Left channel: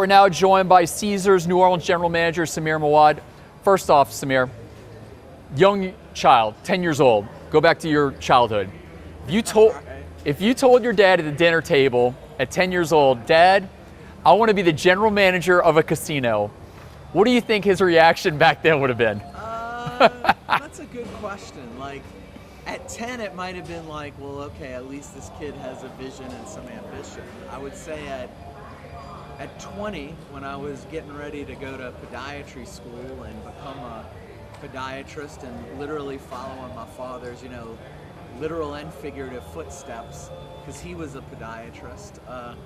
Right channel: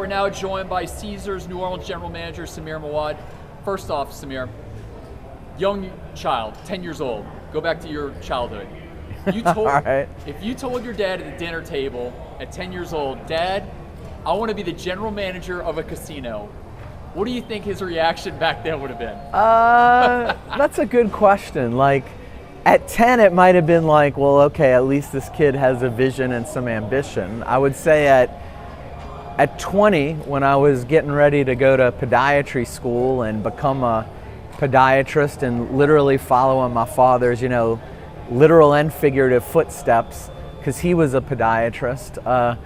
we're now joined by Caesars New Orleans General Manager Samir Mowad. First off, Samir, young child, 10 years old. Go back to your childhood. You told, right. If you told your dad at the dinner table at 10 years old, Dad, I want to be the general manager of a casino, what do you think his reaction back then would have been? That's a good question. Like, at 10, it might have been like, well, okay, at least this kid has a vision and some ambition. I would say at 20, when I was getting ready to go to podiatry school and become a podiatrist and literally following my father's, literal and figurative footsteps, because he was a podiatrist,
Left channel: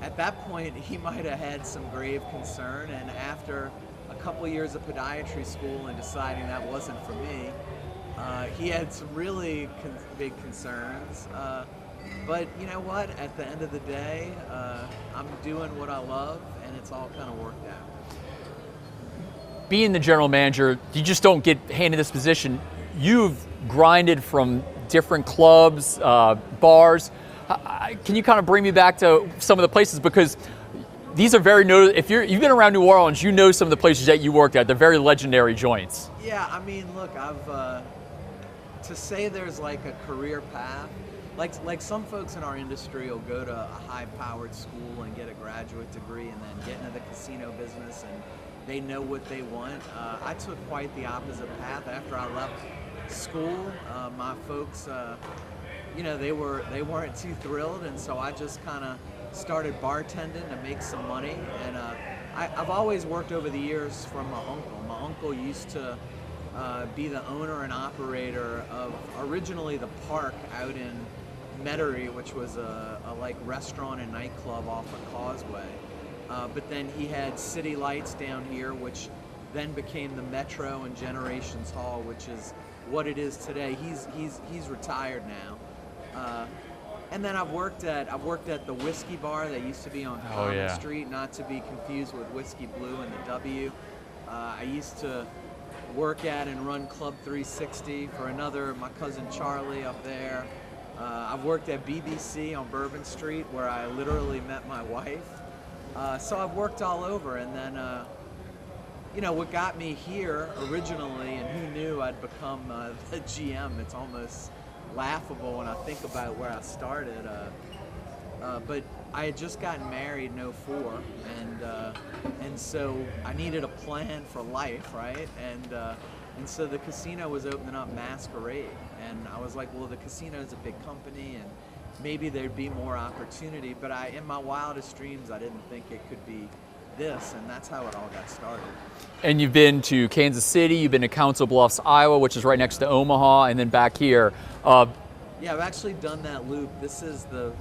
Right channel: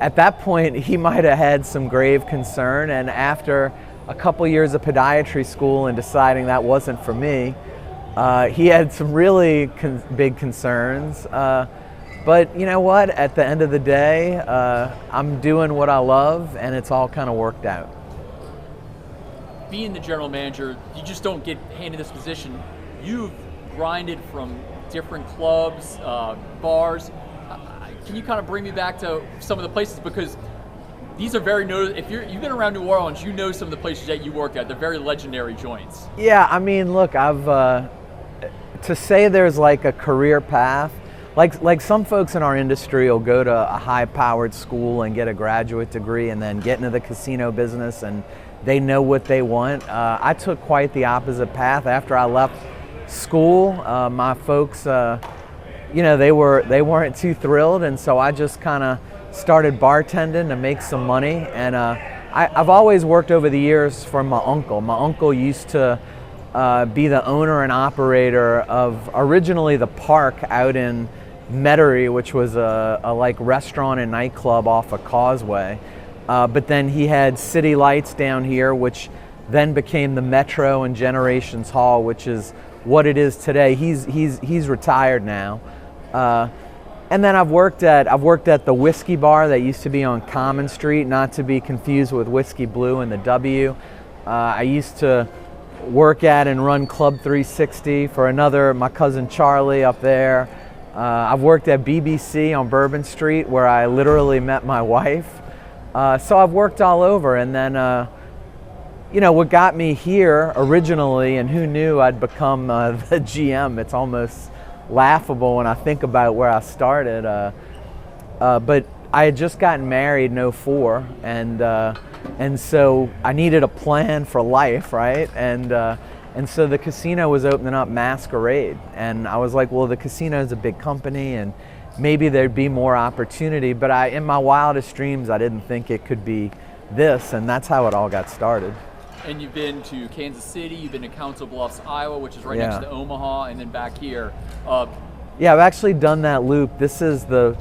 at that point, he might have had some grave concern, and after a couple years of podiatry school and deciding that wasn't for me, he had some really big concerns. But you know what? At the end of the day, I'm doing what I love, and it's all kind of worked out. Being the general manager, you just don't get handed this position. You've grinded from different clubs, bars. Can you kind of bring me back to some of the places, because these are very if you've been around New Orleans, you know some of the places that you worked at. They're very legendary joints. Yeah, I mean, look, to say there's like a career path, like some folks in our industry will go to a high-powered school and get a graduate degree and then get into the casino business and they know what they want. I took quite the opposite path. After I left school, my folks, they weren't too thrilled, and so I just kind of started bartending to make some money. And I've always worked over the years for my uncle. My uncle used to be the owner and operator of originally the Park out in Metairie, which was a like restaurant and nightclub off a causeway. But then he had City Lights down here, which then became the Metro and Generations Hall, which is what it is today. He's retired now. And then I've worked at the Whiskey Bar that used to be on Common Street, not to be confused with Whiskey Blue and the W. I used to work at and run Club 360 for my cousin Charlie up there. I've worked at BBC on Bourbon Street, where I literally met my wife. So I've worked all over, and then what got me here originally, and who knew I'd become the GM. It's almost laughable when I think about where I started. But I had just gotten married in '04, and so I needed a plan for life, right? And so the casino was opening up Masquerade, and I was like, well, the casino is a big company, and maybe there'd be more opportunity. But in my wildest dreams, I didn't think it could be this, and that's how it all got started. And you've been to Kansas City, you've been to Council Bluffs, Iowa, which is right next to Omaha, and then back here. Yeah, I've actually done that loop. This is the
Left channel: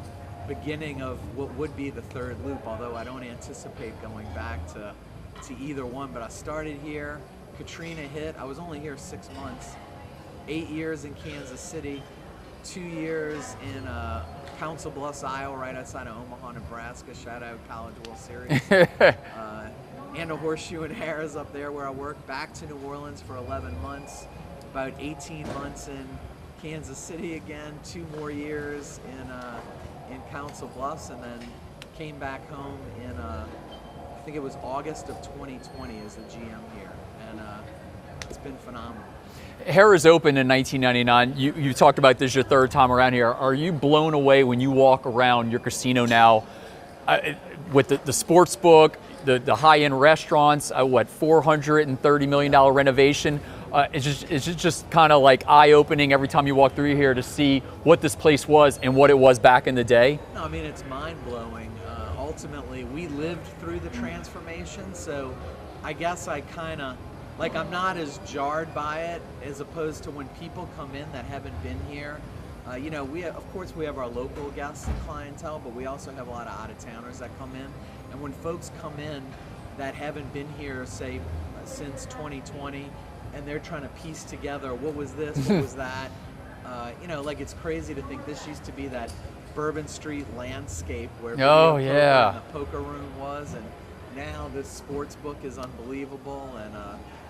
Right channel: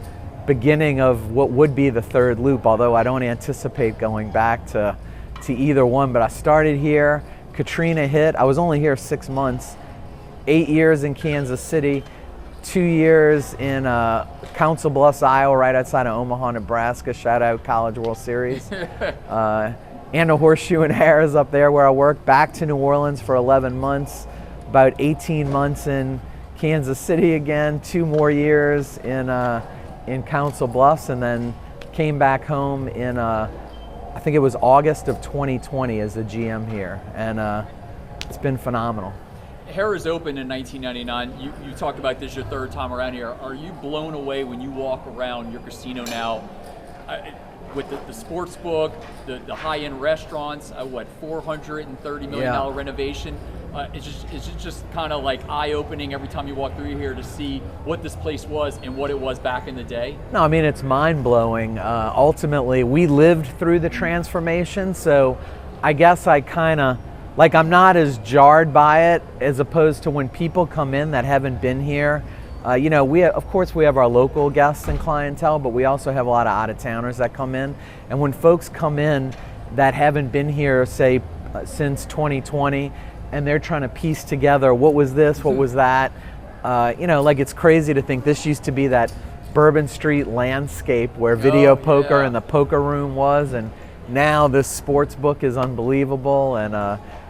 beginning of what would be the third loop, although I don't anticipate going back to either one. But I started here, Katrina hit, I was only here 6 months, 8 years in Kansas City, 2 years in Council Bluffs, Iowa, right outside of Omaha, Nebraska. Shout out College World Series. And a Horseshoe and Harris up there where I worked. Back to New Orleans for 11 months, about 18 months in Kansas City again, 2 more years in Council Bluffs, and then came back home in I think it was August of 2020 as a GM here, and it's been phenomenal. Harrah's opened in 1999. You talked about this your third time around here. Are you blown away when you walk around your casino now with the sports book, the high-end restaurants, $430 million renovation? It's just kind of like eye-opening every time you walk through here to see what this place was and what it was back in the day? No, I mean, it's mind-blowing. Ultimately, we lived through the transformation, so I guess I kind of, I'm not as jarred by it as opposed to when people come in that haven't been here. Of course we have our local guests and clientele, but we also have a lot of out-of-towners that come in. And when folks come in that haven't been here, say, since 2020, and they're trying to piece together what was this, what was that, it's crazy to think this used to be that Bourbon Street landscape where video poker and the poker room was, and now this sports book is unbelievable, and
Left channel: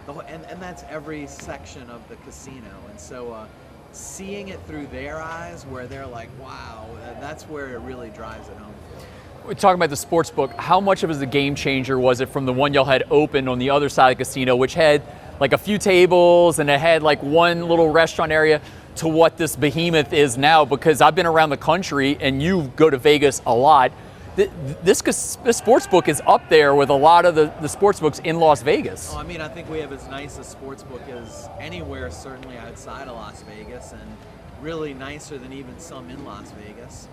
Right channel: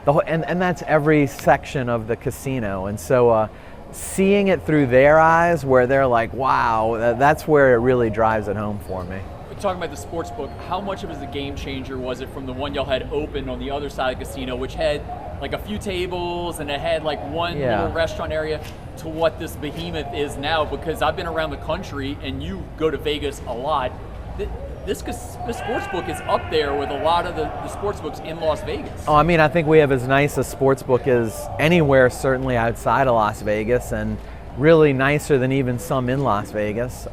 and that's every section of the casino. And so seeing it through their eyes, where they're like, wow, that's where it really drives it home for me. we're talking about the sports book, how much of a game changer was it from the one y'all had opened on the other side of the casino, which had like a few tables and it had like one little restaurant area, to what this behemoth is now? Because I've been around the country and you go to Vegas a lot. This sports book is up there with a lot of the sports books in Las Vegas. Oh, I mean, I think we have as nice a sports book as anywhere, certainly outside of Las Vegas, and really nicer than even some in Las Vegas.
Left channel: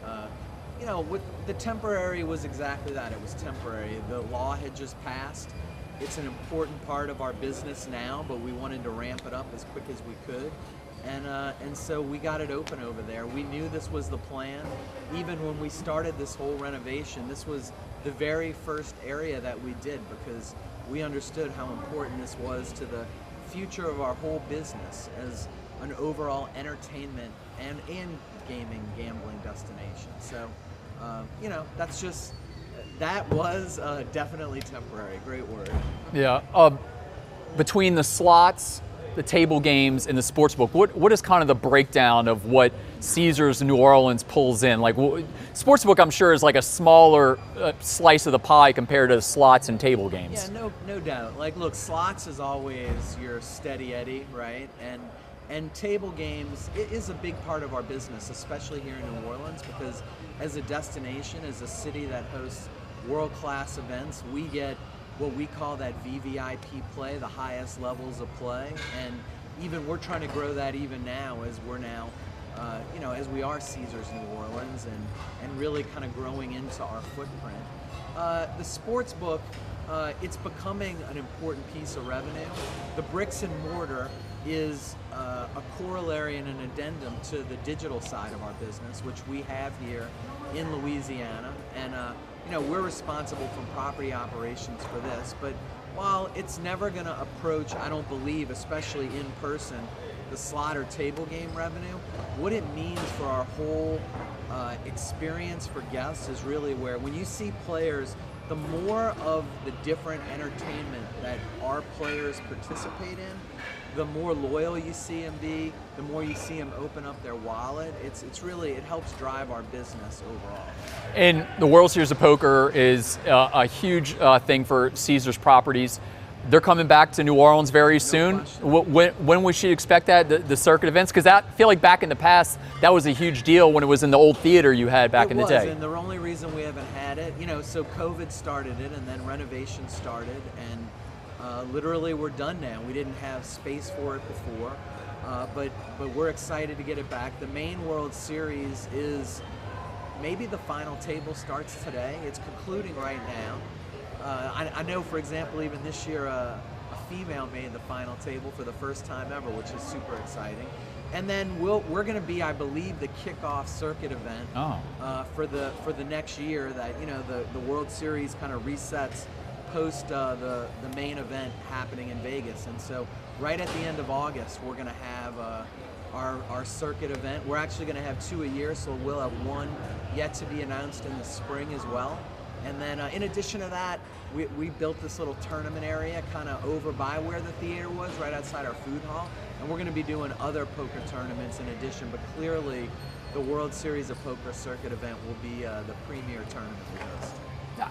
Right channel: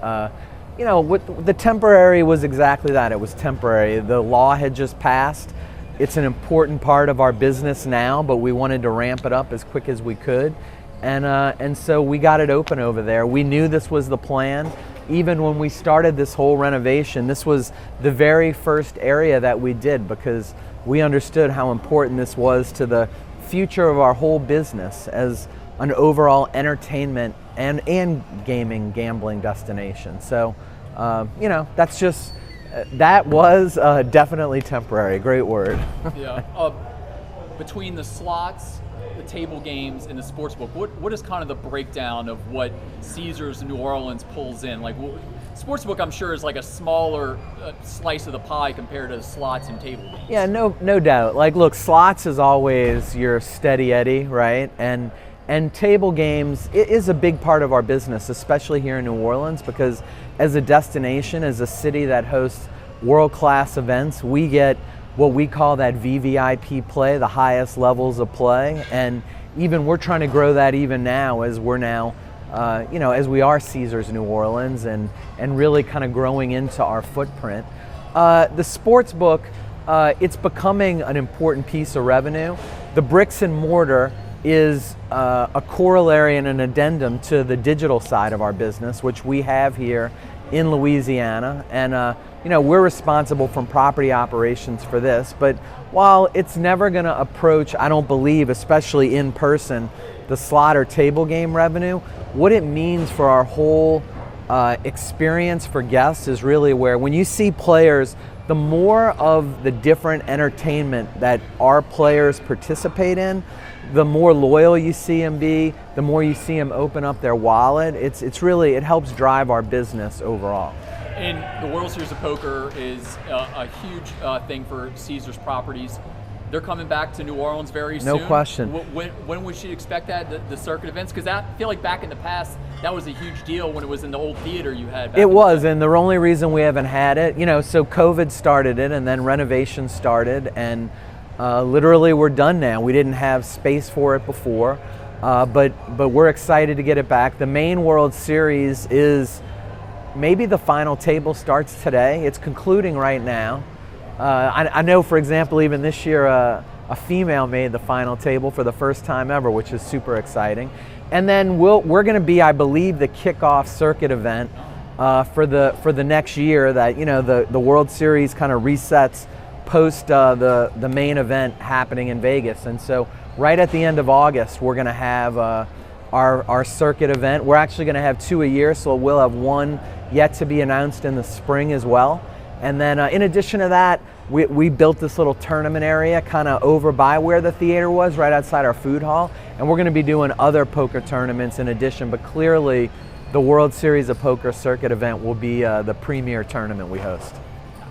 You know, the temporary was exactly that. It was temporary. The law had just passed. It's an important part of our business now, but we wanted to ramp it up as quick as we could. And so we got it open over there. We knew this was the plan. Even when we started this whole renovation, this was the very first area that we did, because we understood how important this was to the future of our whole business as an overall entertainment and gaming, gambling destination. So, you know, that's just, that was definitely temporary. Great word. Yeah. Between the slots, the table games, and the sports book, what is kind of the breakdown of what Caesars New Orleans pulls in? Like, sports book, I'm sure, is like a smaller slice of the pie compared to slots and table games. Yeah, no doubt. Like, look, slots is always your steady Eddie, right? And table games is a big part of our business, especially here in New Orleans, because as a destination, as a city that hosts world-class events, we get what we call that VVIP play, the highest levels of play. And even we're trying to grow that even now, as we're now, you know, as we are Caesars New Orleans, and really kind of growing into our footprint. The sports book, it's becoming an important piece of revenue. The bricks and mortar is a corollary and an addendum to the digital side of our business, which we have here in Louisiana. And you know, we're responsible from property operations for this, but while it's never going to approach, I don't believe, especially in person, the slot or table game revenue, what it means for our whole experience for guests is really where, when you see players, the more of the different entertainment that our players participate in, the more loyal you see them be, the more you see them open up their wallet. It's really, it helps drive our business overall. And the World Series of Poker is a huge thing for Caesars properties. They're coming back to New Orleans very soon. No question. When we should expect that, the circuit events? Because I feel like back in the past, that was a huge deal when it was in the old theater you had back in the day. It was, and the only reason we haven't had it, you know, so COVID started it, and then renovation started, and literally we're done now. We didn't have space for it before, but we're excited to get it back. The main World Series is, maybe the final table starts today. It's concluding right now. I know, for example, even this year, a female made the final table for the first time ever, which is super exciting. And then we're going to be, I believe, the kickoff circuit event for the next year. That, you know, the World Series kind of resets post the main event happening in Vegas. And so right at the end of August, we're going to have our circuit event. We're actually going to have 2 a year, so we'll have one yet to be announced in the spring as well. And then in addition to that, we built this little tournament area kind of over by where the theater was, right outside our food hall. And we're going to be doing other poker tournaments in addition, but clearly the World Series of Poker circuit event will be the premier tournament we host.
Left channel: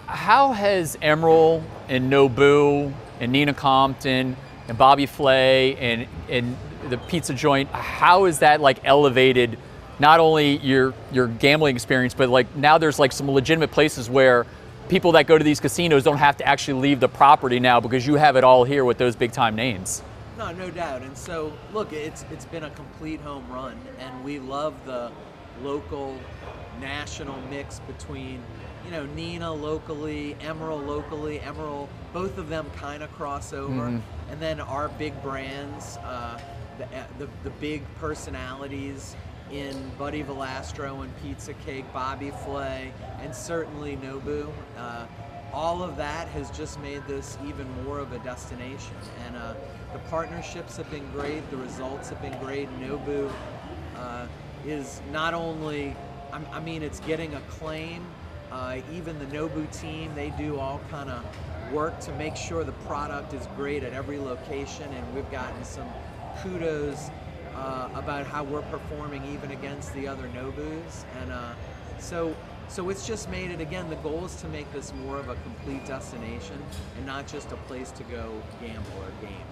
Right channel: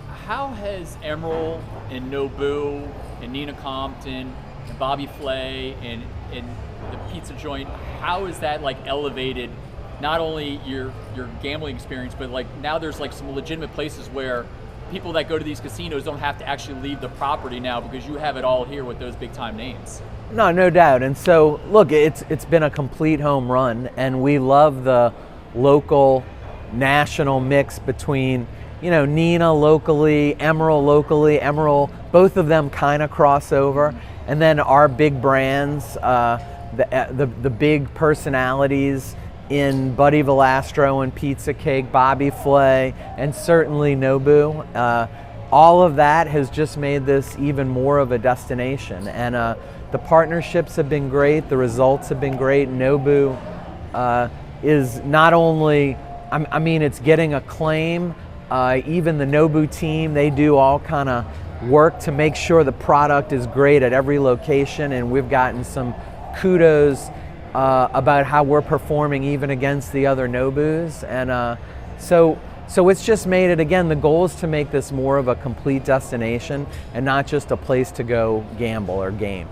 How has Emeril and Nobu and Nina Compton and Bobby Flay and the pizza joint, how is that like elevated not only your gambling experience, but like now there's like some legitimate places where people that go to these casinos don't have to actually leave the property now because you have it all here with those big time names? No doubt. And so look, it's been a complete home run, and we love the local national mix between, you know, Nina locally, Emeril, both of them kind of cross over. And then our big brands, the big personalities in Buddy Velastro and Pizza Cake, Bobby Flay, and certainly Nobu. All of that has just made this even more of a destination. And the partnerships have been great, the results have been great. Nobu is not only, I mean, it's getting acclaim. Even the Nobu team, they do all kind of work to make sure the product is great at every location, and we've gotten some kudos about how we're performing even against the other Nobus. And so So it's just made it, again, the goal is to make this more of a complete destination and not just a place to go gamble or game.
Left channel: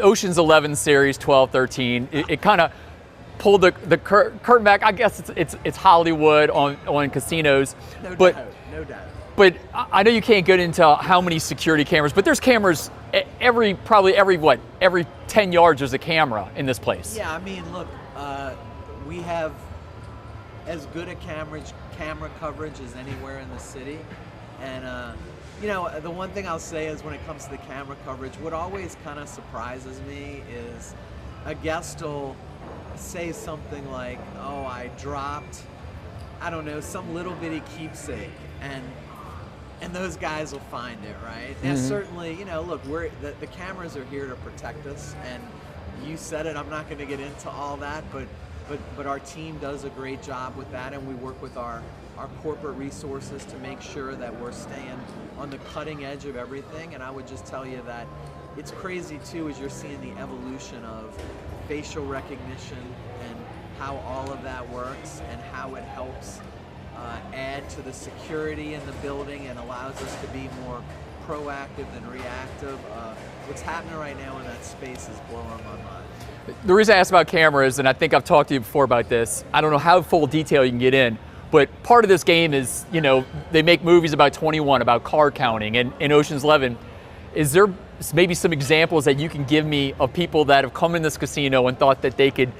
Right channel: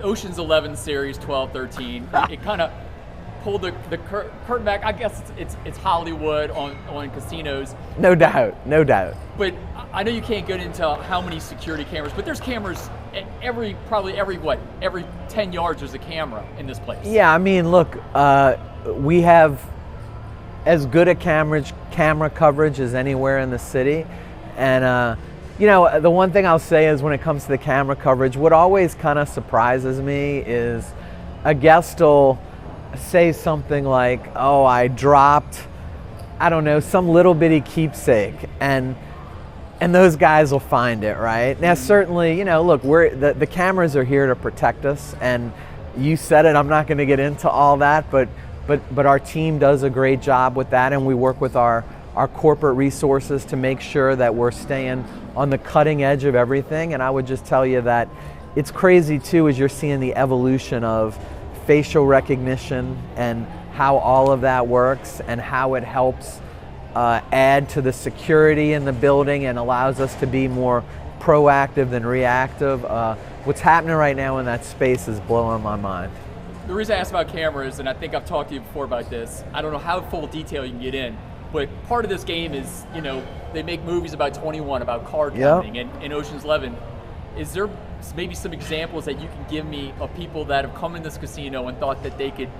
Ocean's 11 series, 12, 13, it kind of pulled the curtain back. I guess it's Hollywood on casinos. No doubt. But I know you can't get into how many security cameras, but there's cameras probably every 10 yards there's a camera in this place. Yeah, I mean, look, we have as good a camera coverage as anywhere in the city. And you know, the one thing I'll say is when it comes to the camera coverage, what always kind of surprises me is a guest will say something like, oh, I dropped, I don't know, some little bitty keepsake, and those guys will find it, right? Now, certainly, you know, look, the cameras are here to protect us, and you said it, I'm not going to get into all that, but our team does a great job with that, and we work with our corporate resources to make sure that we're staying on the cutting edge of everything. And I would just tell you that it's crazy too, as you're seeing the evolution of facial recognition and how all of that works and how it helps add to the security in the building and allows us to be more proactive than reactive. What's happening right now in that space is blowing my mind. The reason I asked about cameras, and I think I've talked to you before about this, I don't know how full detail you can get in, but part of this game is, you know, they make movies about 21, about card counting, and in Ocean's 11. Is there maybe some examples that you can give me of people that have come in this casino and thought that they could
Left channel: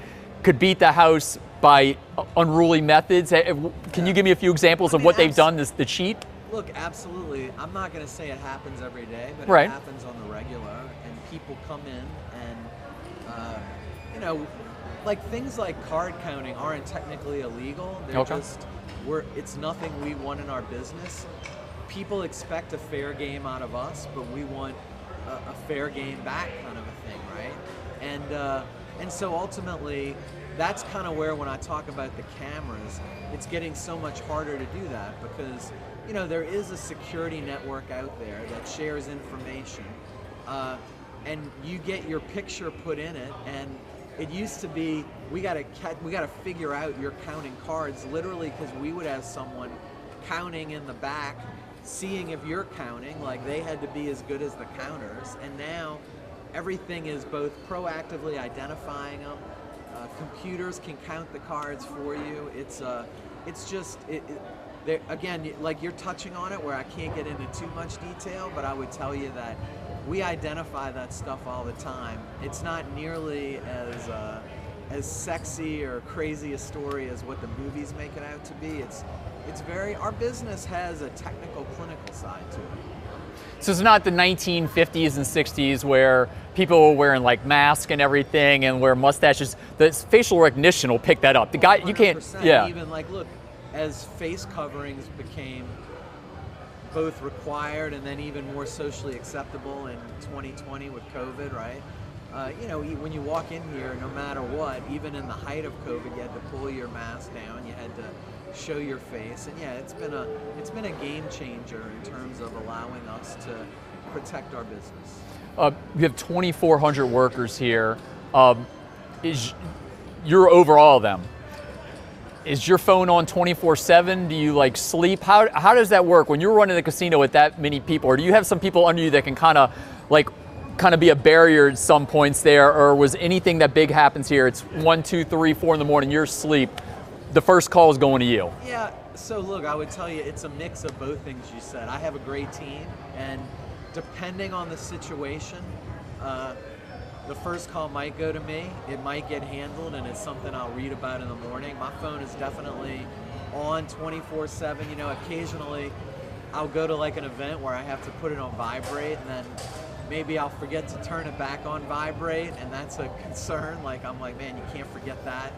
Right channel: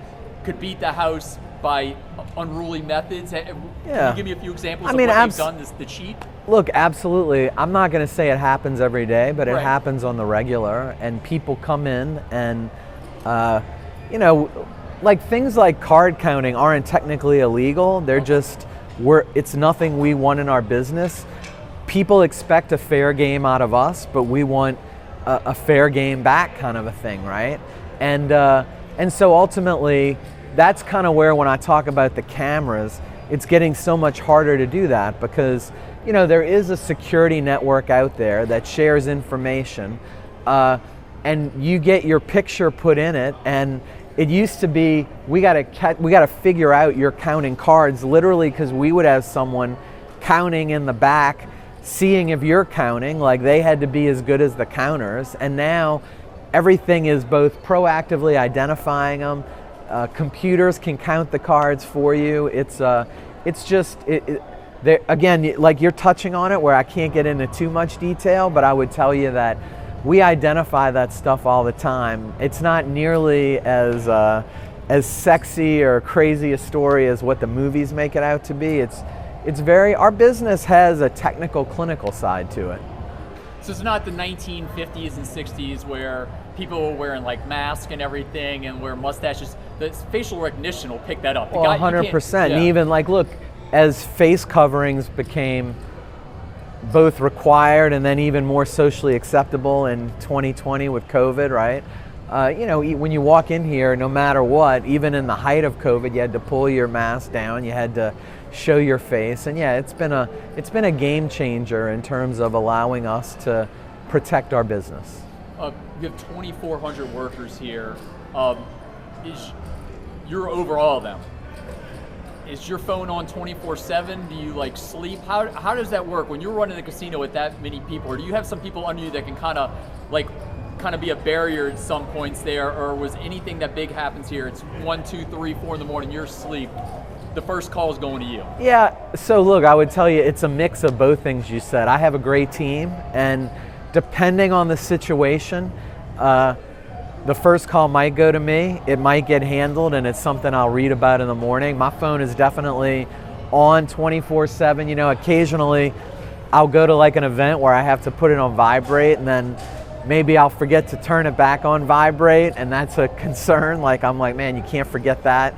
beat the house by unruly methods? Can you give me a few examples of what they've done, the cheat? Look, absolutely. I'm not going to say it happens every day, but it happens on the regular, and people come in and, you know, like things like card counting aren't technically illegal. They're just, it's nothing we want in our business. People expect a fair game out of us, but we want a fair game back, kind of a thing, right? And so ultimately, that's kind of where, when I talk about the cameras, it's getting so much harder to do that, because, you know, there is a security network out there that shares information, and you get your picture put in it, and it used to be we got to figure out you're counting cards, literally, because we would have someone counting in the back, seeing if you're counting, like they had to be as good as the counters. And now everything is both proactively identifying them. Computers can count the cards for you. It's just again, like you're touching on it, where I can't get into too much detail, but I would tell you that we identify that stuff all the time. It's not nearly as sexy or crazy a story as what the movies make it out to be. It's very, our business has a technical, clinical side to it. So it's not the 1950s and 60s where people were wearing like masks and everything and wear mustaches. The facial recognition will pick that up. The guy, 100%. And even like, look, as face coverings became both required and then even more socially acceptable in 2020 with COVID, right? You know, when you walk in here, no matter what, even in the height of COVID, you had to pull your mask down, you had to show your face, and yeah, it's been a game changer in terms of allowing us to protect our business. You have 2,400 workers here. You're over all of them. Is your phone on 24/7? Do you like sleep? How does that work when you're running the casino with that many people? Or do you have some people under you that can kind of be a barrier at some points there? Or was anything that big happens here, it's 1, 2, 3, 4 in the morning, you're asleep, the first call is going to you? Yeah, so look, I would tell you it's a mix of both things you said. I have a great team, and depending on the situation, the first call might go to me, it might get handled, and it's something I'll read about in the morning. My phone is definitely on 24/7. You know, occasionally I'll go to like an event where I have to put it on vibrate, and then maybe I'll forget to turn it back on vibrate, and that's a concern. Like, I'm like, man, you can't forget that.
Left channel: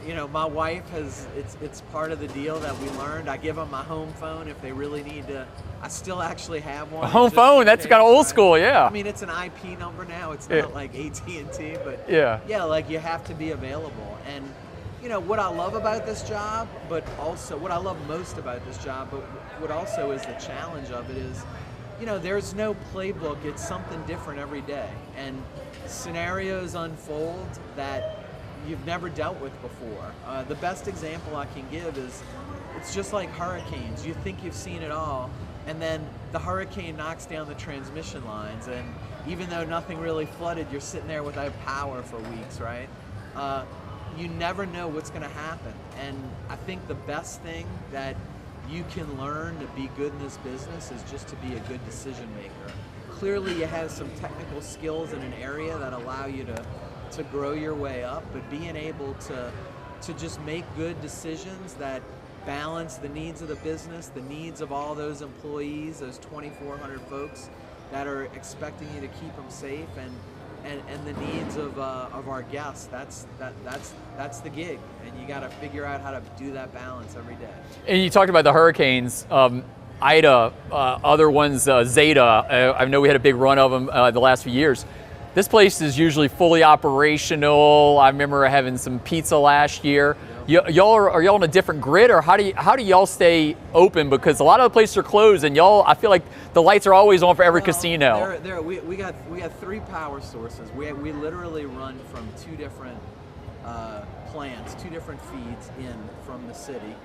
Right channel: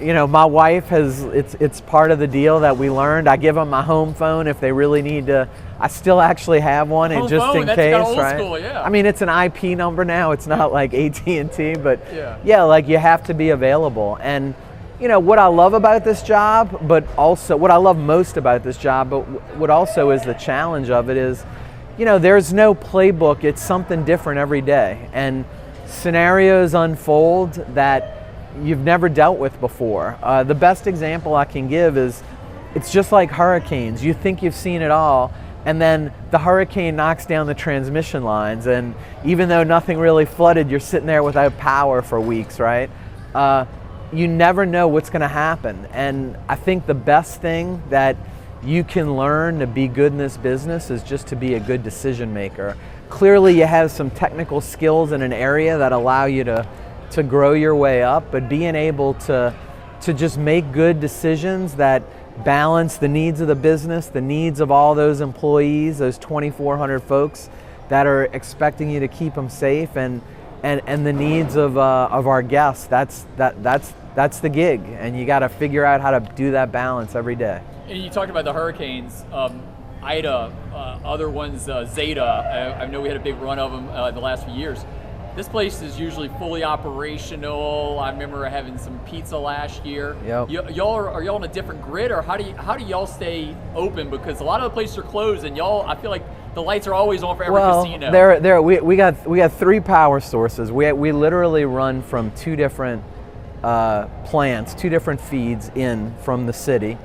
You know, my wife it's part of the deal that we learned. I give them my home phone if they really need to. I still actually have one. Home phone, that's kind of old school, yeah. I mean, it's an IP number now. It's not like AT&T, but yeah, like you have to be available. And you know, what I love about this job, but also what I love most about this job, but what also is the challenge of it is, you know, there's no playbook. It's something different every day. And scenarios unfold that you've never dealt with before. The best example I can give is, it's just like hurricanes. You think you've seen it all, and then the hurricane knocks down the transmission lines, and even though nothing really flooded, you're sitting there without power for weeks, right? You never know what's going to happen. And I think the best thing that you can learn to be good in this business is just to be a good decision maker. Clearly you have some technical skills in an area that allow you to grow your way up, but being able to just make good decisions that balance the needs of the business, the needs of all those employees, those 2,400 folks that are expecting you to keep them safe, and the needs of our guests. That's the gig, and you got to figure out how to do that balance every day. And you talked about the hurricanes, Ida, other ones, Zeta. I know we had a big run of them the last few years. This place is usually fully operational. I remember having some pizza last year. Yep. Are y'all on a different grid, or how do y'all stay open? Because a lot of the places are closed, and y'all, I feel like the lights are always on for every casino. We got 3 power sources. We literally run from 2 different plants, 2 different feeds in from the city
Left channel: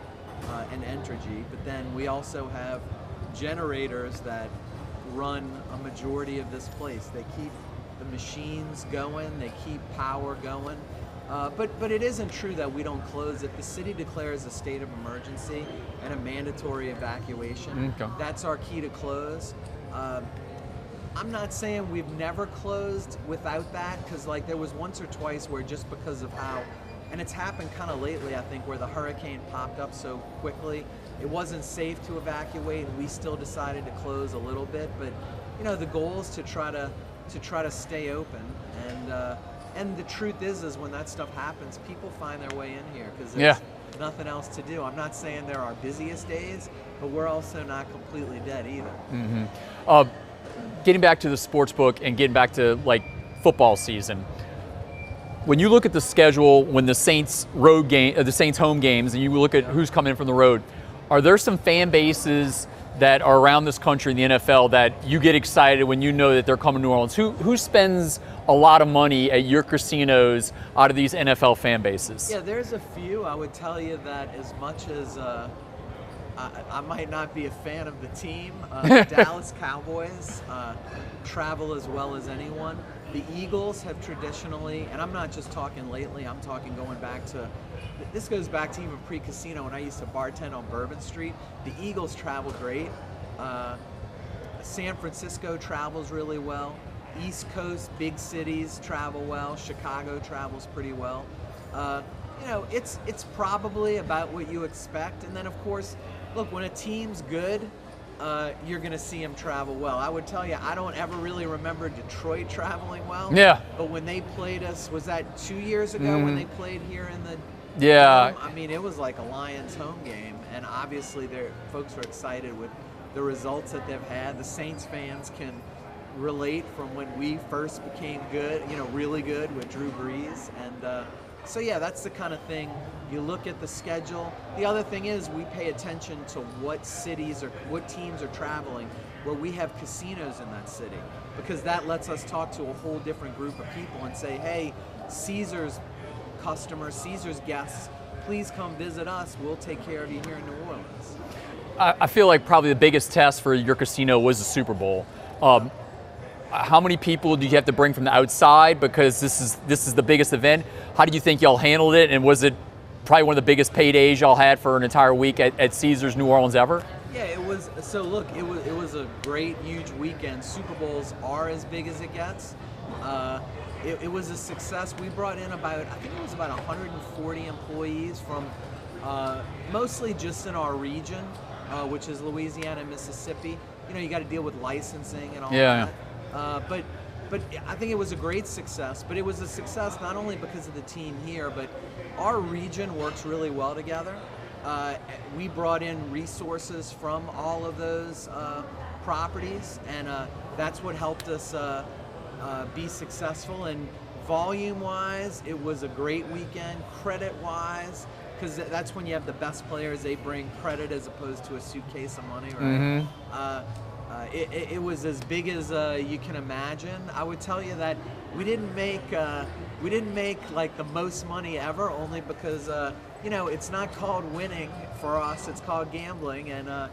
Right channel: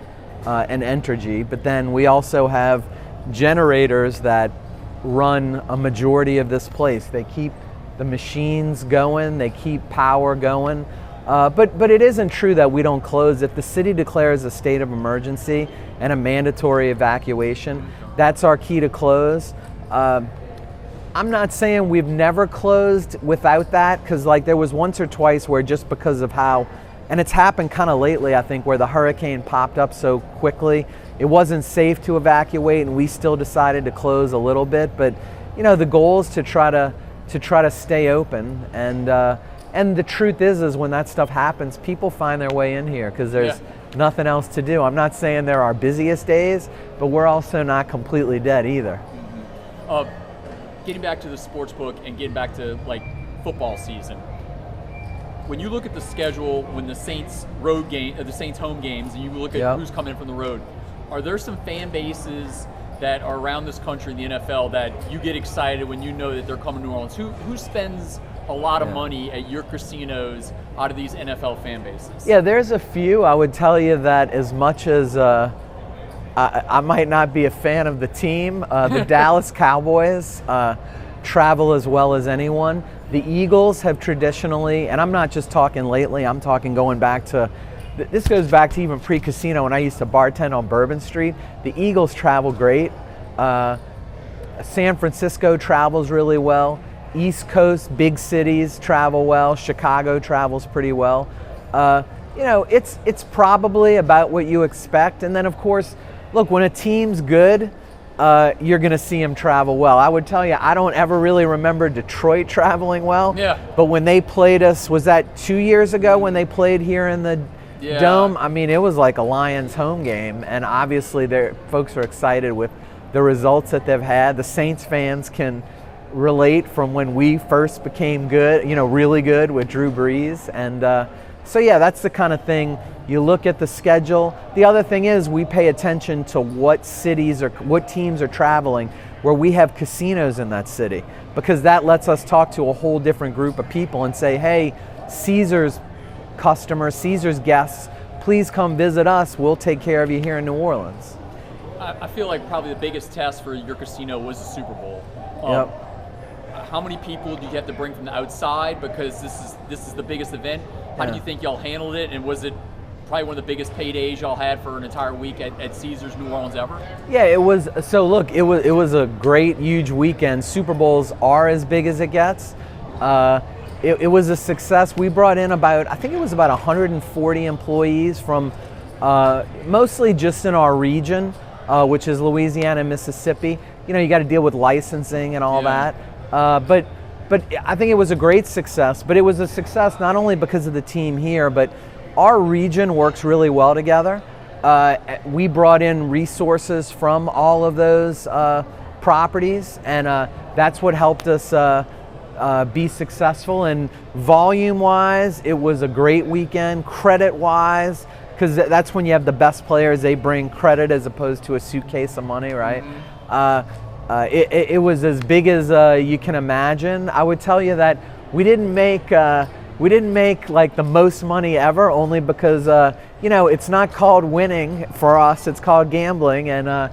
and Entergy, but then we also have generators that run a majority of this place. They keep the machines going, they keep power going, but it isn't true that we don't close. If the city declares a state of emergency and a mandatory evacuation, that's our key to close. I'm not saying we've never closed without that, because like there was once or twice where just because of how, and it's happened kind of lately, I think, where the hurricane popped up so quickly, it wasn't safe to evacuate, and we still decided to close a little bit. But you know, the goal is to try to stay open, and the truth is when that stuff happens, people find their way in here because there's nothing else to do. I'm not saying they're our busiest days, but we're also not completely dead either. Mm-hmm. Getting back to the sports book and getting back to like football season, when you look at the schedule, when the Saints the Saints home games, and you look at who's coming in from the road, are there some fan bases that are around this country in the NFL that you get excited when you know that they're coming to New Orleans? Who spends a lot of money at your casinos out of these NFL fan bases? Yeah, there's a few. I would tell you that as much as I might not be a fan of the team, the Dallas Cowboys travel as well as anyone. The Eagles have traditionally, and I'm not just talking lately, I'm talking going back to, this goes back to even pre-casino when I used to bartend on Bourbon Street. The Eagles travel great. San Francisco travels really well. East Coast, big cities travel well. Chicago travels pretty well. You know, it's probably about what you expect. And then of course, look, when a team's good, you're going to see them travel well. I would tell you, I don't ever really remember Detroit traveling well. Yeah. But when they played us, was that 2 years ago when they played here in the Dome? I mean, it was like a Lions home game, and obviously folks are excited with the results that they've had. The Saints fans can relate from when we first became good, you know, really good with Drew Brees. And so yeah, that's the kind of thing. You look at the schedule. The other thing is we pay attention to what cities or what teams are traveling where we have casinos in that city, because that lets us talk to a whole different group of people and say, hey, Caesars customers, Caesars guests, please come visit us. We'll take care of you here in New Orleans. I feel like probably the biggest test for your casino was the Super Bowl. How many people do you have to bring from the outside, because this is the biggest event? How do you think y'all handled it, and was it probably one of the biggest paydays y'all had for an entire week at Caesars New Orleans ever? Yeah, it was. So look, it was a great, huge weekend. Super Bowls are as big as it gets. It was a success. We brought in I think it was about 140 employees from mostly just in our region, which is Louisiana and Mississippi. You know, you got to deal with licensing and all that. But I think it was a great success. But it was a success not only because of the team here, but our region works really well together. We brought in resources from all of those properties, and that's what helped us be successful. And volume-wise, it was a great weekend. Credit-wise, because that's when you have the best players, they bring credit as opposed to a suitcase of money, right? It was as big as you can imagine. I would tell you that we didn't make We didn't make like the most money ever, only because it's not called winning for us, it's called gambling. And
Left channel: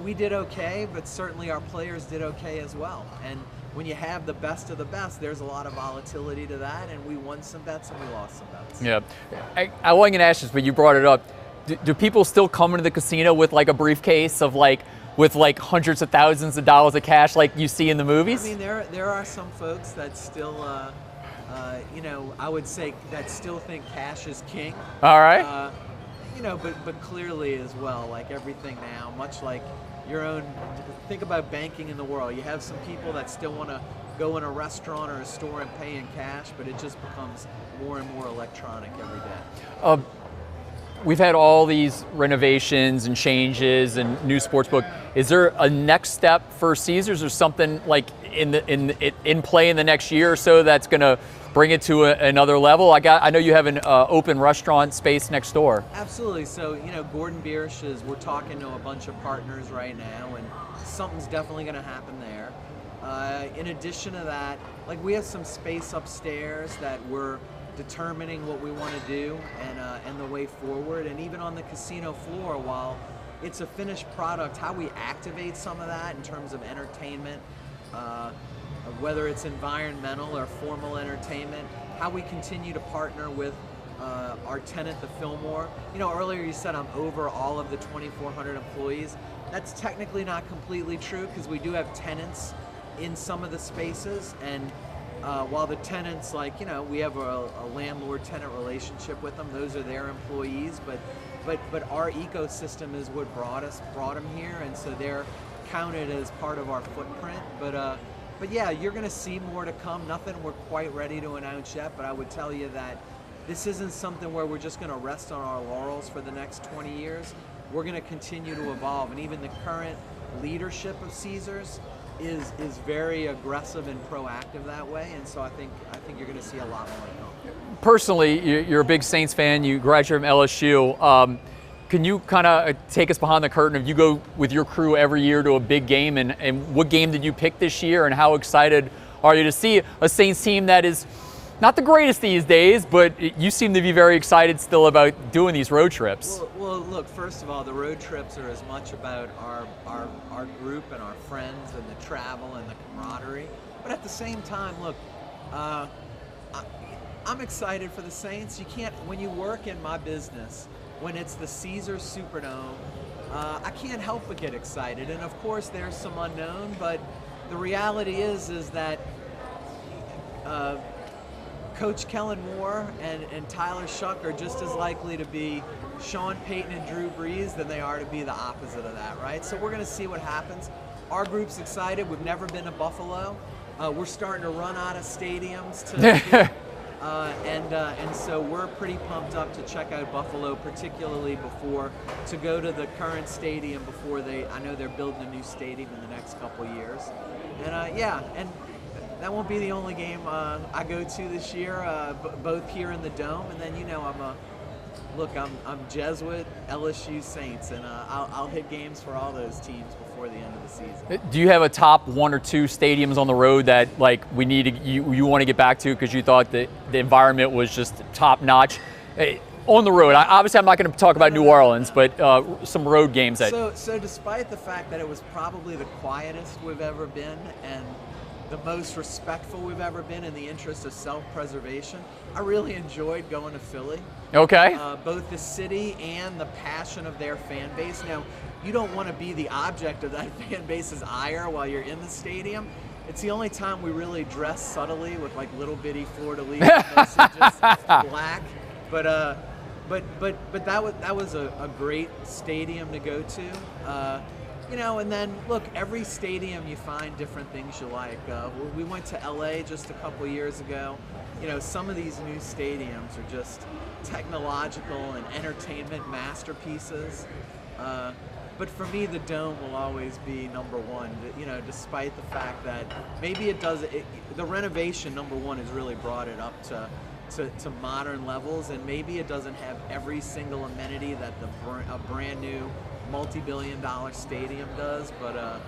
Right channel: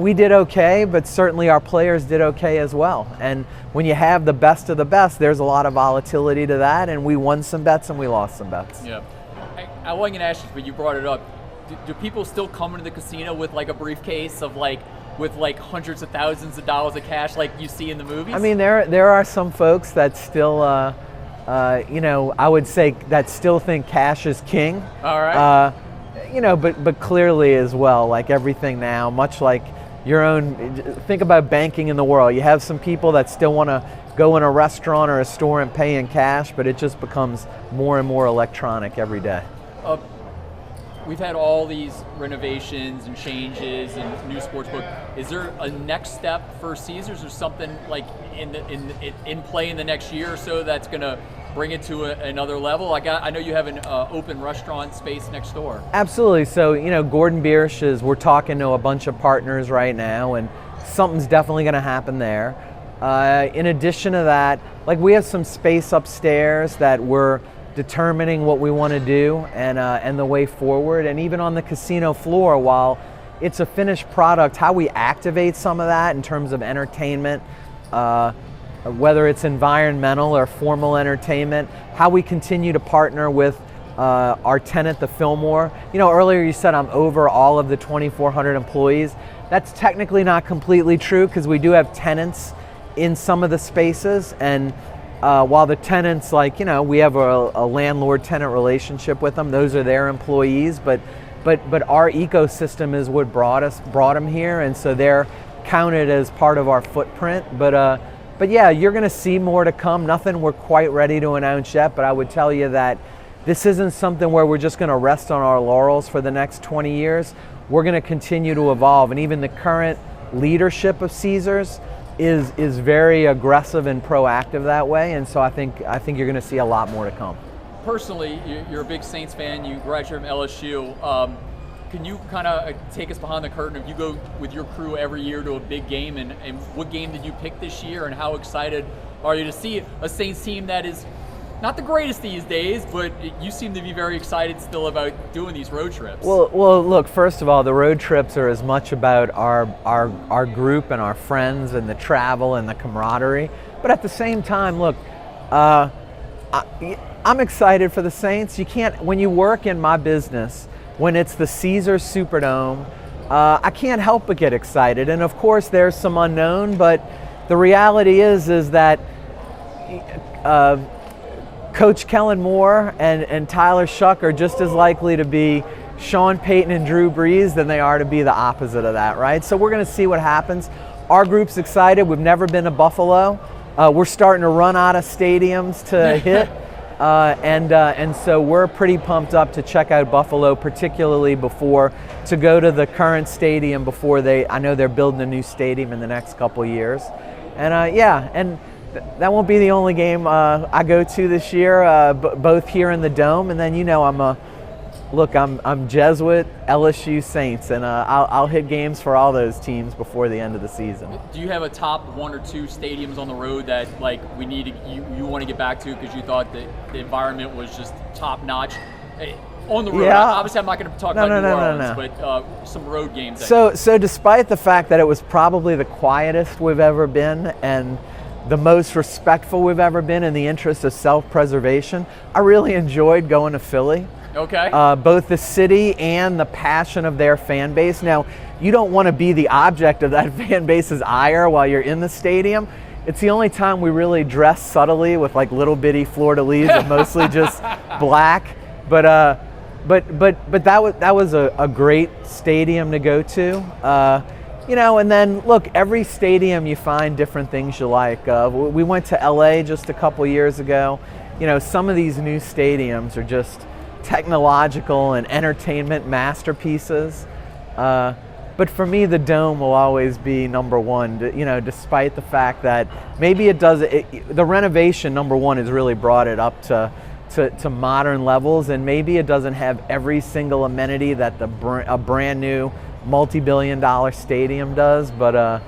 we did okay, but certainly our players did okay as well. And when you have the best of the best, there's a lot of volatility to that, and we won some bets and we lost some bets. Yeah, I wasn't gonna ask this, but you brought it up. Do people still come into the casino with like a briefcase of with hundreds of thousands of dollars of cash like you see in the movies? I mean, there are some folks that still, I would say that still think cash is king. All right. But clearly as well, like everything now, much like your own, think about banking in the world. You have some people that still want to go in a restaurant or a store and pay in cash, but it just becomes more and more electronic every day. We've had all these renovations and changes and new sportsbook. Is there a next step for Caesars or something like in play in the next year or so that's going to bring it to another level? I know you have an open restaurant space next door. Absolutely. So Gordon Biersch we're talking to a bunch of partners right now, and something's definitely going to happen there. In addition to that, like we have some space upstairs that we're determining what we want to do and the way forward. And even on the casino floor, while it's a finished product, how we activate some of that in terms of entertainment, whether it's environmental or formal entertainment, how we continue to partner with our tenant, the Fillmore. Earlier you said I'm over all of the 2,400 employees. That's technically not completely true because we do have tenants in some of the spaces, and while the tenants, we have a landlord-tenant relationship with them, those are their employees, but our ecosystem is what brought them here, and so they're counted as part of our footprint. But yeah, you're going to see more to come. Nothing we're quite ready to announce yet, but I would tell you that this isn't something where we're just going to rest on our laurels for the next 20 years. We're going to continue to evolve, and even the current leadership of Caesars is very aggressive and proactive that way, and so I think you're going to see a lot more to come. Personally, you're a big Saints fan. You graduated from LSU. Can you kind of take us behind the curtain? If you go with your crew every year to a big game, and what game did you pick this year, and how excited are you to see a Saints team that is not the greatest these days, but you seem to be very excited still about doing these road trips? Well, look, first of all, the road trips are as much about our group and our friends and the travel and the camaraderie. But at the same time, look, I'm excited for the Saints. You can't, when you work in my business, when it's the Caesars Superdome, I can't help but get excited. And of course, there's some unknown, but the reality is that Coach Kellen Moore and Tyler Shuck are just as likely to be Sean Payton and Drew Brees than they are to be the opposite of that, right? So we're going to see what happens. Our group's excited. We've never been to Buffalo. We're starting to run out of stadiums to hit. And so we're pretty pumped up to check out Buffalo, particularly to go to the current stadium before I know they're building a new stadium in the next couple of years. And and that won't be the only game I go to this year, both here in the Dome, and then I'm Jesuit, LSU, Saints, and I'll hit games for all those teams before the end of the season. Do you have a top one or two stadiums on the road that we need you want to get back to because you thought that the environment was just top notch? On the road, yeah. Obviously I'm not going to talk about New Orleans, but some road games. So despite the fact that it was probably the quietest we've ever been and the most respectful we've ever been in the interest of self-preservation, I really enjoyed going to Philly. Okay. Both the city and the passion of their fan base. Now, you don't want to be the object of that fan base's ire while you're in the stadium. It's the only time we really dress subtly with little bitty fleur-de-lis and mostly just black. But that was a great stadium to go to. And then look, every stadium you find different things you like. We went to LA just a couple years ago. Some of these new stadiums are just technological and entertainment masterpieces. But for me, the Dome will always be number one, despite the fact that maybe the renovation, number one, has really brought it up to modern levels, and maybe it doesn't have every single amenity that a brand new multi-billion-dollar stadium does, but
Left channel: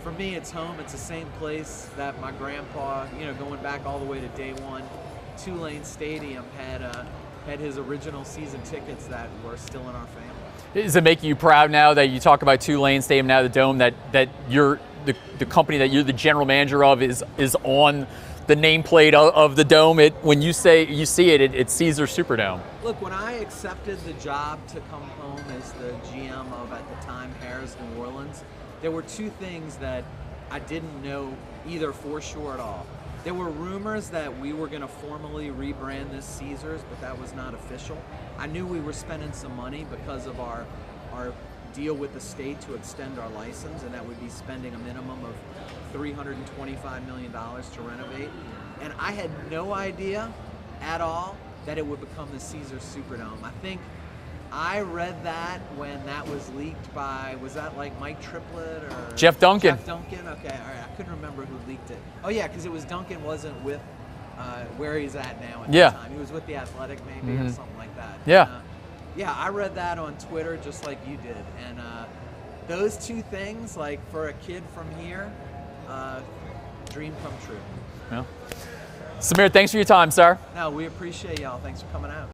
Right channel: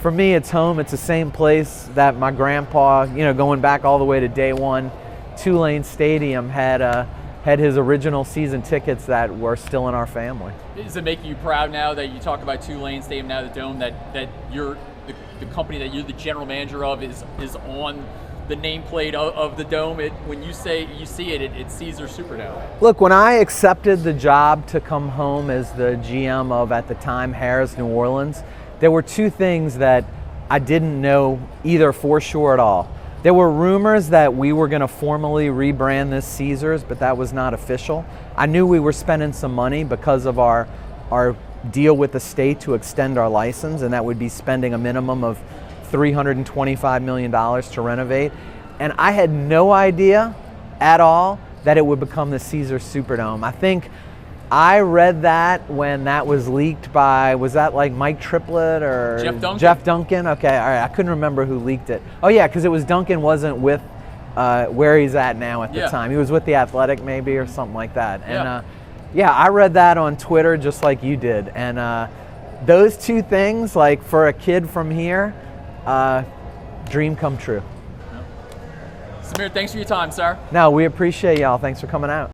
for me, it's home. It's the same place that my grandpa, going back all the way to day one, Tulane Stadium had his original season tickets that were still in our family. Does it make you proud now that you talk about Tulane Stadium, now the Dome, that you're the company that you're the general manager of is on the nameplate of the Dome? When you see it, it's Caesars Superdome. Look, when I accepted the job to come home as the GM of, at the time, Casears New Orleans, there were two things that I didn't know either for sure at all. There were rumors that we were going to formally rebrand this Caesars, but that was not official. I knew we were spending some money because of our deal with the state to extend our license, and that would be spending a minimum of $325 million to renovate. And I had no idea at all that it would become the Caesars Superdome. I think I read that when that was leaked by, was that like Mike Triplett or Jeff Duncan? Jeff Duncan, okay, all right, I couldn't remember who leaked it. Oh yeah, because it was Duncan wasn't with where he's at now at the time. He was with the Athletic maybe or something like that. Yeah. And, yeah, I read that on Twitter just like you did. And those two things, like for a kid from here, dream come true. Yeah. Samir, thanks for your time, sir. No, we appreciate y'all. Thanks for coming out.